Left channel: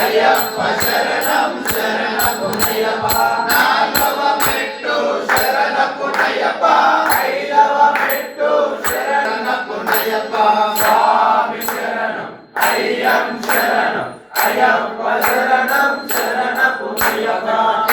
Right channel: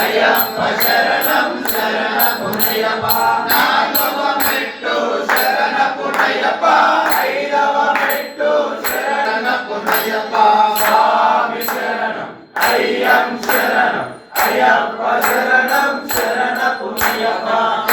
అయ్యప్ప శరణం శరణపునయ్యప్ప నాలుగవ మెట్టు శరణపునయ్యప్ప ఐదవ మెట్టు శరణపునయ్యప్ప స్వామి శరణం అయ్యం శరణం అయ్యప్ప శరణం శరణపునయ్యప్ప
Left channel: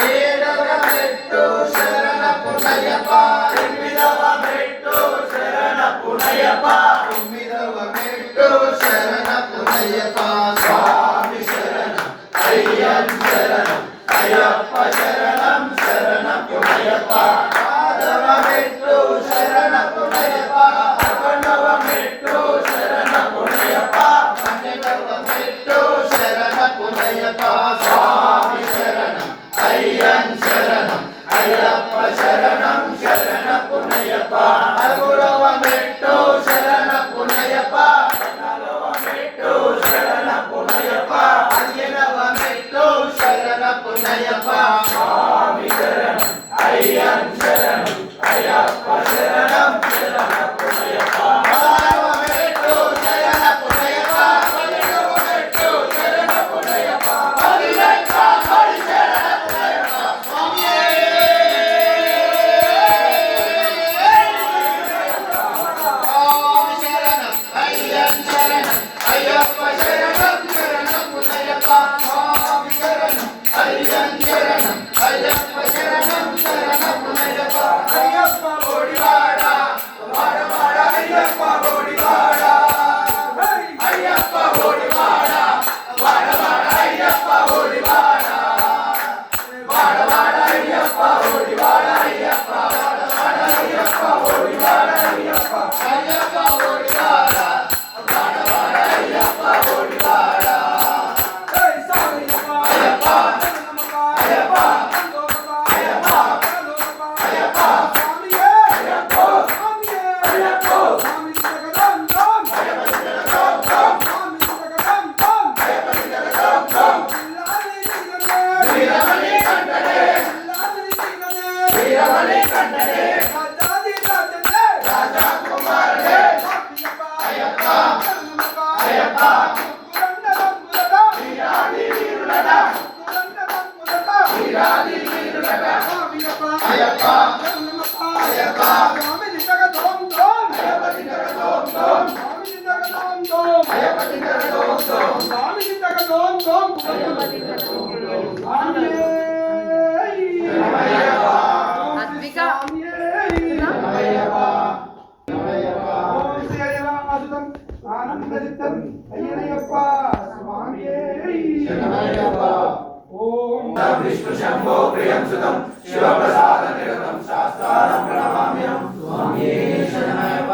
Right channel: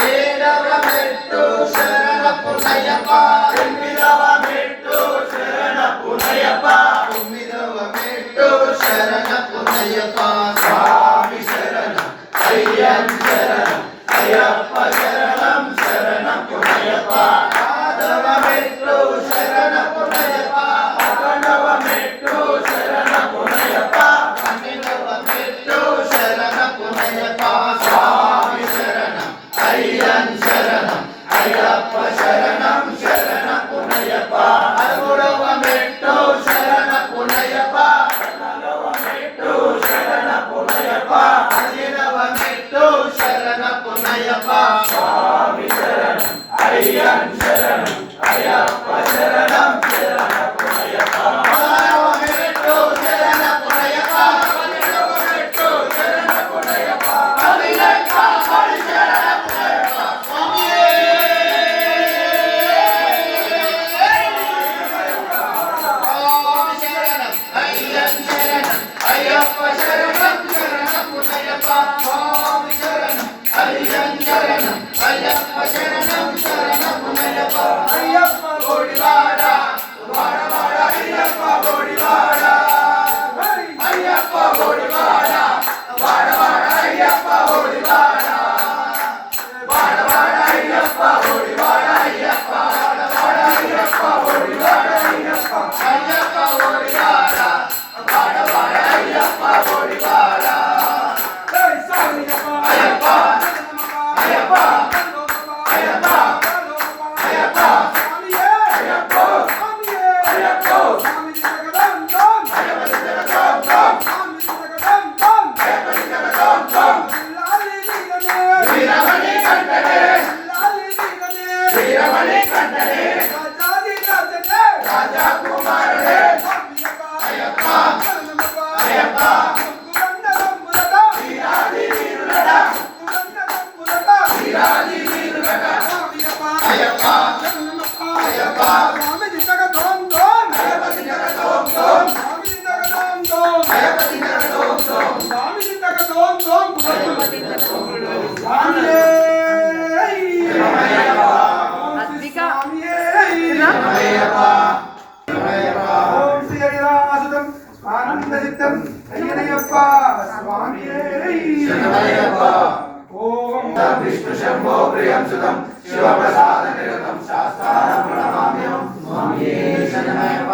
ఏడవ మెట్టు శరణపునయ్యప్ప ఎనిమిదవ మెట్టు శరణపునయ్యప్ప తొమ్మిదవ మెట్టు శరణపునయ్యప్ప స్వామి శరణం అయ్యం శరణం అయ్యప్ప శరణం శరణపునయ్యప్ప పదవ మెట్టు శరణపునయ్యప్ప పదకొండవ మెట్టు శరణపునయ్యప్ప పన్నెండవ మెట్టు శరణపునయ్యప్ప స్వామి శరణం అయ్యం శరణం అయ్యప్ప శరణం శరణపునయ్యప్ప పదమూడవ మెట్టు శరణపునయ్యప్ప పద్నాలుగవ మెట్టు శరణపునయ్యప్ప పదిహేనవ మెట్టు శరణపునయ్యప్ప స్వామి శరణం అయ్యం శరణం అయ్యప్ప శరణం శరణపునయ్యప్ప పదహారవ మెట్టు శరణపునయ్యప్ప పదిహేడవ మెట్టు శరణపునయ్యప్ప పదిహేనవ శరణపునయ్యప్ప స్వామియే అయ్యప్ప శరణం శరణపునయ్యప్ప స్వామి శరణం అయ్యం శరణం అయ్యప్ప శరణం శరణపునయ్యప్ప అయ్యప్ప బోడివాడ వాడవాడ అయ్యప్ప బోడివాడ అయ్యప్ప బోడివాడ వాడవాడ అయ్యప్ప బోడివాడ వాడవాడ అయ్యప్ప బోడివాడ అయ్యప్ప వాడవాడ అయ్యప్ప బోడివాడ అయ్యప్ప అయ్యప్ప బోడివాడ వాడవాడ అయ్యప్ప బోడివాడ అయ్యప్ప అయ్యప్ప అయ్యప్ప అయ్యప్ప అయ్యప్ప అయ్యప్ప వీరమణి కంటనే వీరమణి కంటనే రాజా కుమారుడే అయ్యప్ప అయ్యప్ప వీరాది వీరులడా వీరాది వీరులడా అయ్యప్ప అయ్యప్ప అయ్యప్ప ఆనందరితం అయ్యనయ్యప్ప స్వామియే శరణమయ్యప్ప ఓం విష్ణు శంభో ప్రియం సుతం శివప్రసాద నిరతం శాస్త్రారం ప్రణమామ్యం స్వామియే శరణమయ్యప్ప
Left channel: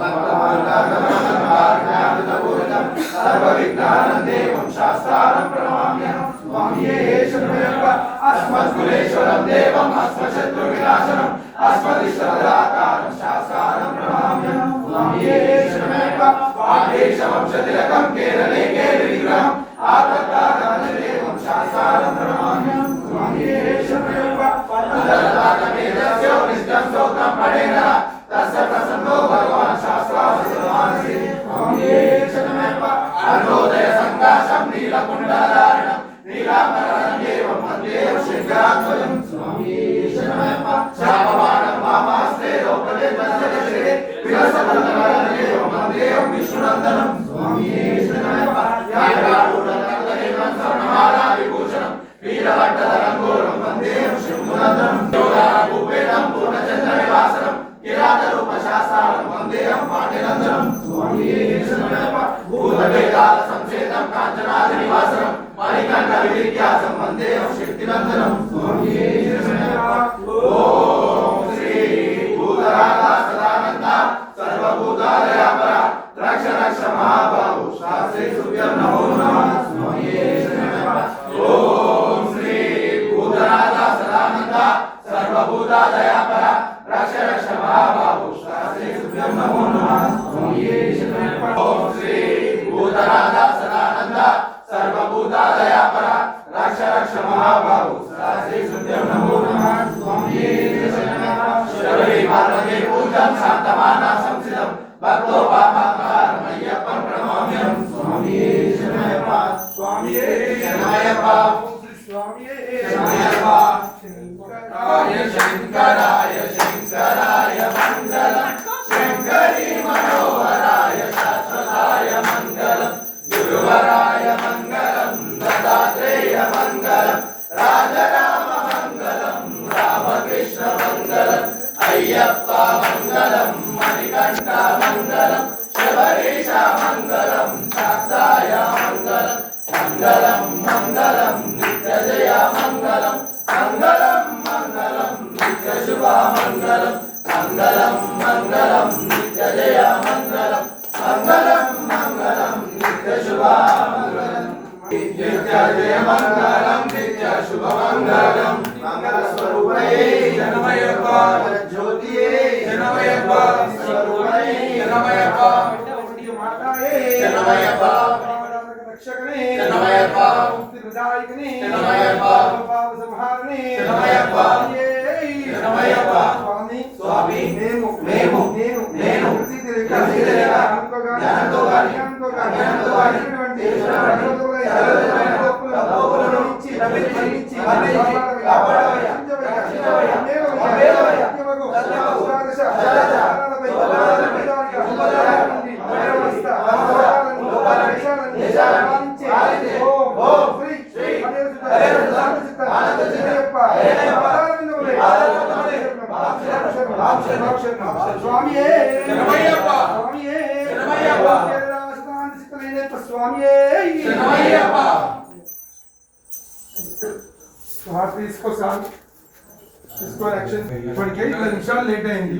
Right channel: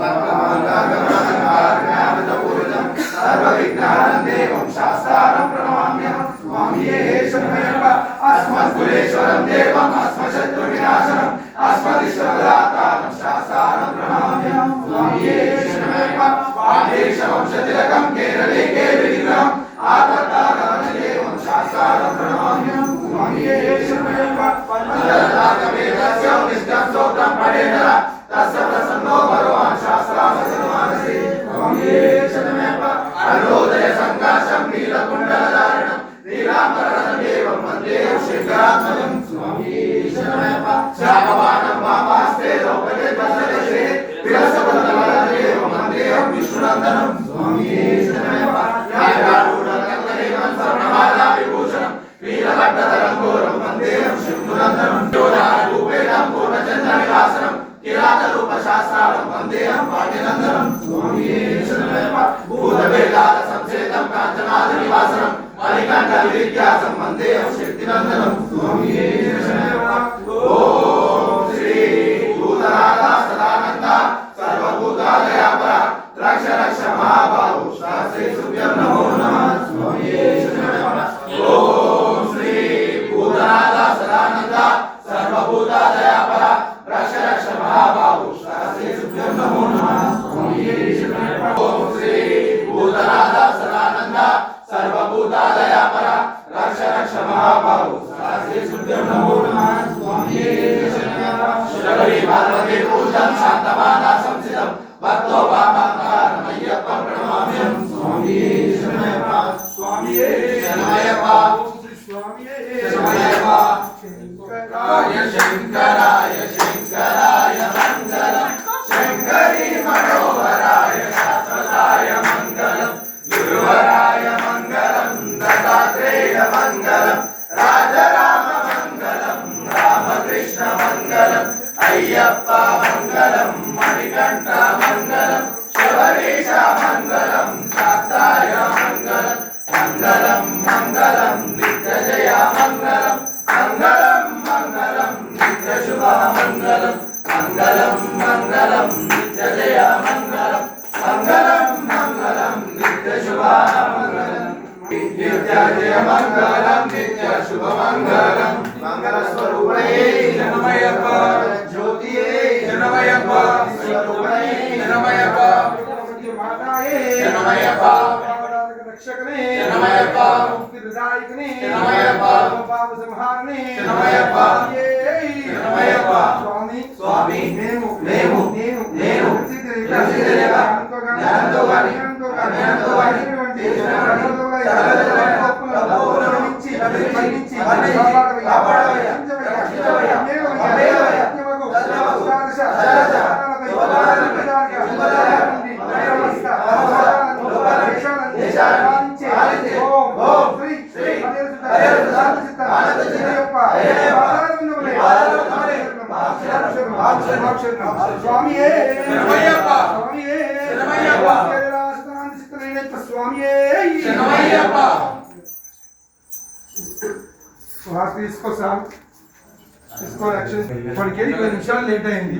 సర్వమంగళాగమనమార్గణామృతపూరితం సర్వవిఘ్నానం దేవం శాస్త్రారం ప్రణమామ్యం స్వామియే శరణమయ్యప్ప అస్మద్గురేశ్వరం దేవం అస్మశత్రువినాశనం అస్మదిశ్వరదాతారం శాస్త్రారం ప్రణమామ్యం స్వామియే శరణమయ్యప్ప ఆదేశవంశతిలకం కేరళే కేరళిగ్రహం ఆతత్తాగమనదేవం శాస్త్రారం ప్రణమామ్యం స్వామియే శరణమయ్యప్ప పంచలతాకవేదస్యో నిష్ఠం స్తోత్రం పఠేన తస్య ప్రసన్నో భగవాన్ శాస్త్రావసిమానసి స్వామియే శరణమయ్యప్ప అరుణోదయ సంకాశం నీలకుండలధారణం నీలాంబరం దేవం వందే శంకరాత్మజం స్వామి శరణమయ్యప్ప శాపవానం వామాస్తే లోకలే దశదశే విరసపదమలదేవం వందేహం విష్ణునందనం స్వామి శరణమయ్యప్ప న్యాయగాఢూఢకర్తదేవం స్వర్ణమాలా విభూషణం వీరభట్టతరంగోరం వందేహం శంభునందనం యోధారూపేణం పూర్ణచంద్రవిలాసనం కిరాతరూప శాస్త్రాలం వందేహం భాగ్యనందనం స్వామి శరణమయ్యప్ప భూతవేదాల సంచేతం కాంచనాది నివాసనం మణికంఠ విద్యాసం వందేహం శక్తినందనం స్వామి శరణమయ్యప్ప ఓం శ్రీ భూతరాగా సదానంద సర్వభూతాలయాపర రక్ష రక్ష మహాబాహు శాస్త్రీ సుభ్యం నమో నమః స్వామి శరణమయ్యప్ప ఓం శ్రీ భూతరాగా సదానంద సర్వభూతాలయాపర రక్ష రక్ష మహాబాహు శాస్త్రీ సుభ్యం నమో నమః స్వామి శరణమయ్యప్ప ఓం శ్రీ భూతరాగా సదానంద సర్వభూతాలయాపర రక్ష రక్ష మహాబాహు శాస్త్రీ సుభ్యం నమో నమః స్వామి శరణమయ్యప్ప శిరవరి పార్వతీ పూజం శాంతమాన సంసితం భక్తో పాపకారమయ్యప్ప ప్రణమామ్యం స్వామి శరణమయ్యప్ప స్వామి శరణమయ్యప్ప స్వామి శరణమయ్యప్ప శంకరాయ శంకరాయ శంకరాయ మంగళం శంకరీ మనోహరాయ శాశ్వతాయ మంగళం గురువరాయ మంగళం దత్తాత్రేయ మంగళం రాజరామ మంగళం రామకృష్ణ మంగళం అయ్యప్ప మంగళం మణికంఠ మంగళం శబరీశ మంగళం శాస్త్రాయ మంగళం మంగళం మంగళం నిత్య జయ మంగళం మంగళం మంగళం నిత్య శుభ మంగళం మంగళం మంగళం నిత్య జయ మంగళం మంగళం మంగళం నిత్య శుభ మంగళం నిత్య జయ మంగళం నిత్య శుభ మంగళం మంగళ స్వరూపణే శరణమయ్యప్ప జ్యోతియే శరణమయ్యప్ప స్వరూపణే శరణమయ్యప్ప మాతాయే శరణమయ్యప్ప రక్షకనే శరణమయ్యప్ప ముక్తి ప్రదాయకనే శరణమయ్యప్ప పాప సంహారనే శరణమయ్యప్ప శరణమయ్యప్ప స్వామి స్వామి నేను స్వామియే శరణమయ్యప్ప స్వామియే శరణమయ్యప్ప స్వామియే శరణమయ్యప్ప తీసుకో సార్ తీసుకో యాక్షన్ మనకి 10 నిమిషాలు లేట్ అయింది.